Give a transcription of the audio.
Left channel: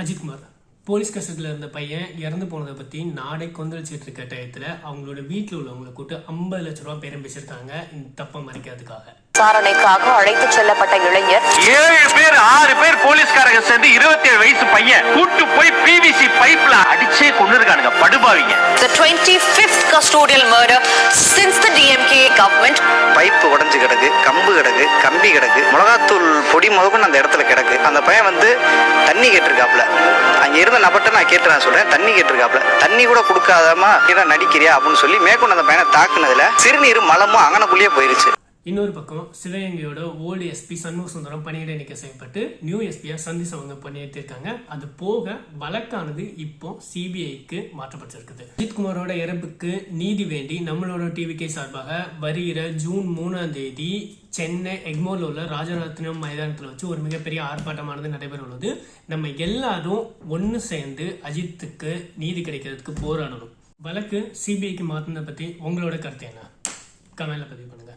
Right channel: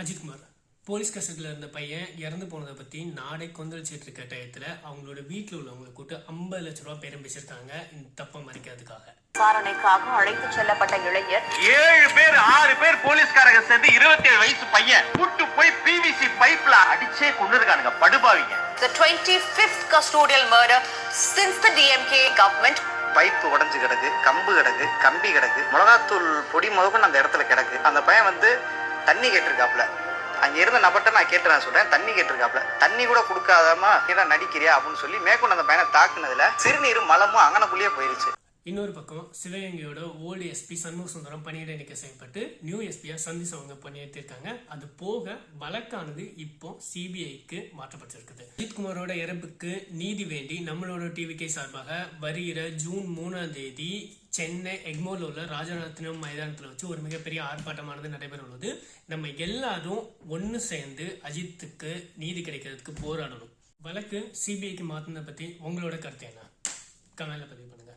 Ajithkumar police கஸ்டடியில் இருந்த பையன் இறந்து போனதை பற்றி நாடே கொந்தளிச்சிட்டு இருக்க டயத்தில் அவங்களோட வீட்டில் உள்ளவங்களை கூட்டு ஐம்பது லட்ச ரூபா பேரம் பேசியிருக்காங்க. இந்த தப்பை மறைக்கிறதுக்காக. விசாரணைக்காக அழைத்துச் செல்லப்பட்ட இளைஞர் ஏழு பேர் ஆறு பேர் போலீஸ்காரங்க சேர்ந்து இருபத்தி ஏழு வயசு பையன் கூட்டு போய் பிவிசி பைப்ல அடிச்சே கொண்டு இருக்கானுங்க படுபாவிங்க. The 25th custodial murder since the DMK government கிடக்கு கம்பு கிடக்கு கம்பி கிடக்கு மிளகாத்தூள் பொடி முதற்கொண்டு அந்த இடத்துல கிடக்கு. அந்த பையன் வந்து தண்ணி கேட்டிருக்காப்புல. அங்கே இருந்த நபர்கிட்ட நான் கேட்டு நான் சொல்கிறேன் தண்ணி கேட்டிருக்காப்புல. தண்ணி கூட கொடுக்காதமா கீழே நடிக்கிறியா அப்படின்னு சொல்லி மேற்கொண்டு அந்த பையனை தாக்குனதுல சிறுநீர் மலமும் அங்கனக்குள்ளேயே போயிருச்சு. இன்னொரு பக்கம் சிவகங்கையோட ஓல்டு எஸ்பி சண்முக சுந்தரம் பணியிட நீக்க செய்யப்பட்டு நியூ எஸ்பியா சந்தீஷ் அவங்க பணியேற்றிருக்காங்க அது போக வழக்கானது இப்போ சிபிஐக்கு மாற்றப்பட்டிருக்குது. அஜித்குமாரோட இறப்புக்கு நீதி வேண்டி நம்மளோட டிவிகே சார்பாக வருகிற ஜூன் மூணாம் தேதி சென்னை எக்மோர்ல உள்ள ராஜரத்னம் மைதானத்தில் வச்சு ஒரு மிகப்பெரிய ஆர்ப்பாட்டமானது நடைபெற உள்ளது நம்ம எல்லாரும் ஒன்று சேர்ந்து அஜித்துக்கு நீதி கிடைக்கிறதுக்கு போராடணும். வழக்கு சிபிஐக்கு மாற்றினதை பற்றி உங்களோட கருத்து என்ன? கமெண்ட்ல பதிவு பண்ணுங்க.